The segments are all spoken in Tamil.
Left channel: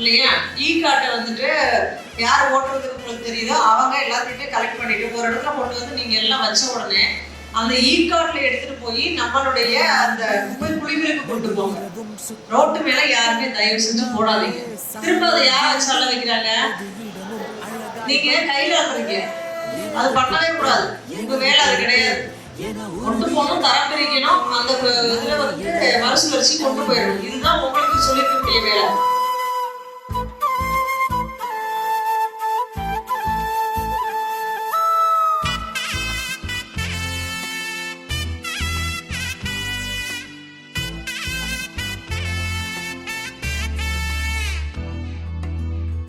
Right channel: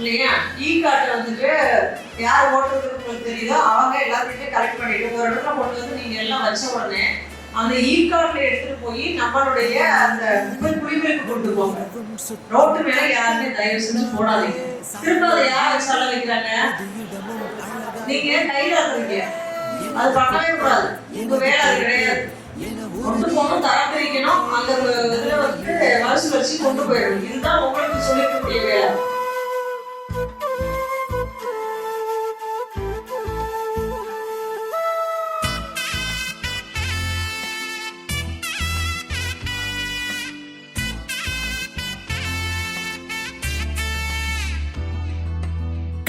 இல்லையா? கார்டை வந்துட்டு யார் ஓட்டுறதுன்னு உங்களுக்கு தெரியுதோ அவங்க எல்லாத்தையுமே கலெக்ட் பண்ணிட்டு ஒரு இடத்துல கொண்டு வந்து நீங்க எல்லாம் வச்ச உடனே அந்த கார்டில் எடுத்துட்டு போய் நம்மளுடைய அந்த குடிமைக்கு கொண்டு போங்க. ரோட்டு மேல யாருமே தயவு செஞ்சு போடாதீங்க. திரும்ப அதை யாரை சொல்ல வைக்கிறாங்க? நீங்க கையில இருக்கிறீங்க, அது பண்ணவே கூடாது. உங்க வேலை அது கிடையாது. கொண்டு போகணும், தரம் பிரிக்கணும், அந்த இதுல வந்து வரிசை வச்சு கொண்டு போயிடணும். இதுதான் உங்களுக்கு சொல்லிக்கக்கூடிய வேலை.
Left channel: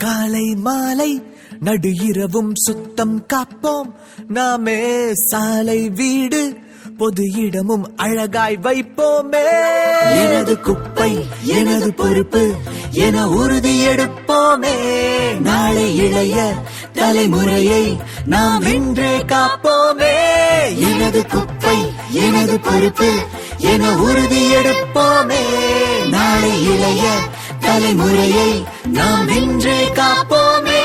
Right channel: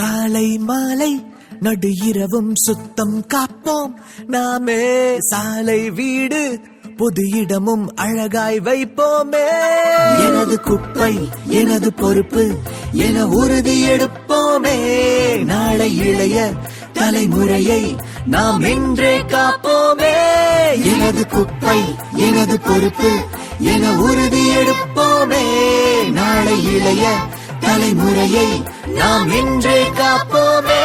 காலை மாலை நடு இரவும் சுத்தம் காப்போம் நாமே. சாலை வீடு பொது இடமும் அழகாய் வைப்போமே. எனது குப்பை எனது பொறுப்பு என உறுதி எடுப்போமே. நாளை இளைய தலைமுறையை நாம் இன்றே காப்போமே. எனது குப்பை எனது பொறுப்பு என உறுதி எடுப்போமே. நாளை இளைய தலைமுறையை நாம் இன்றே காப்போமே.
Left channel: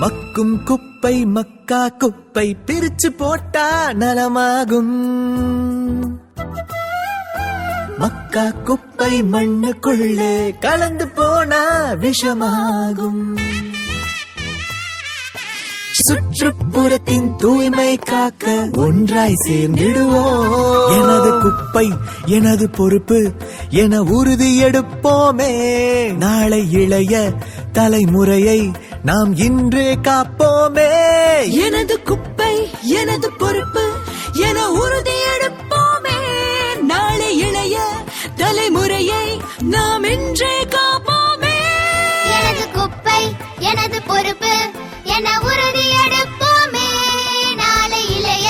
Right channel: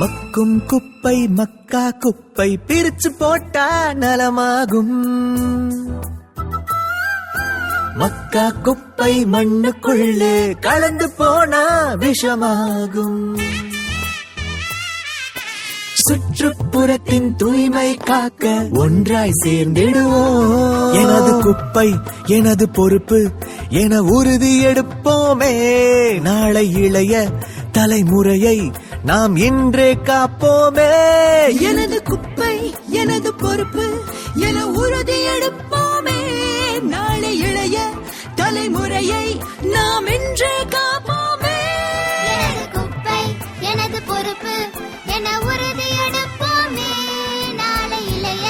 மக்கும் குப்பை மக்கா குப்பை பிரிச்சு போட்டா நலமாகும். மக்கா குப்பை மண்ணுக்குள்ளே கலந்து போனா விஷமாகும். சுற்றுப்புறத்தின் தூய்மை காக்க ஒன்றாய் சேர்ந்திடுவோம். எனது குப்பை எனது பொறுப்பு என உறுதி எடுப்போமே. நாளை இளைய தலைமுறையை நாம் இன்றே காப்போமே. எனது குப்பை எனது பொறுப்பு என உறுதி எடுப்போமே. நாளை இளைய தலைமுறையை நாம் இன்றே காப்போமே. எனது குப்பை எனது பொறுப்பு என உறுதி எடுப்போமே. நாளை இளைய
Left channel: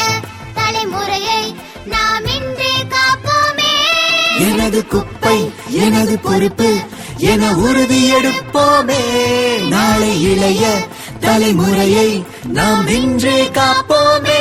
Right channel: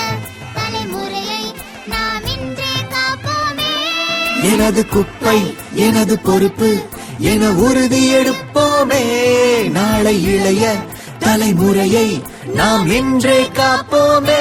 தலைமுறையை நாம் இன்றே காப்போமே. எனது குப்பை எனது பொறுப்பு என உறுதி எடுப்போமே. நாளை இளைய தலைமுறையை நாம் இன்றே காப்போமே.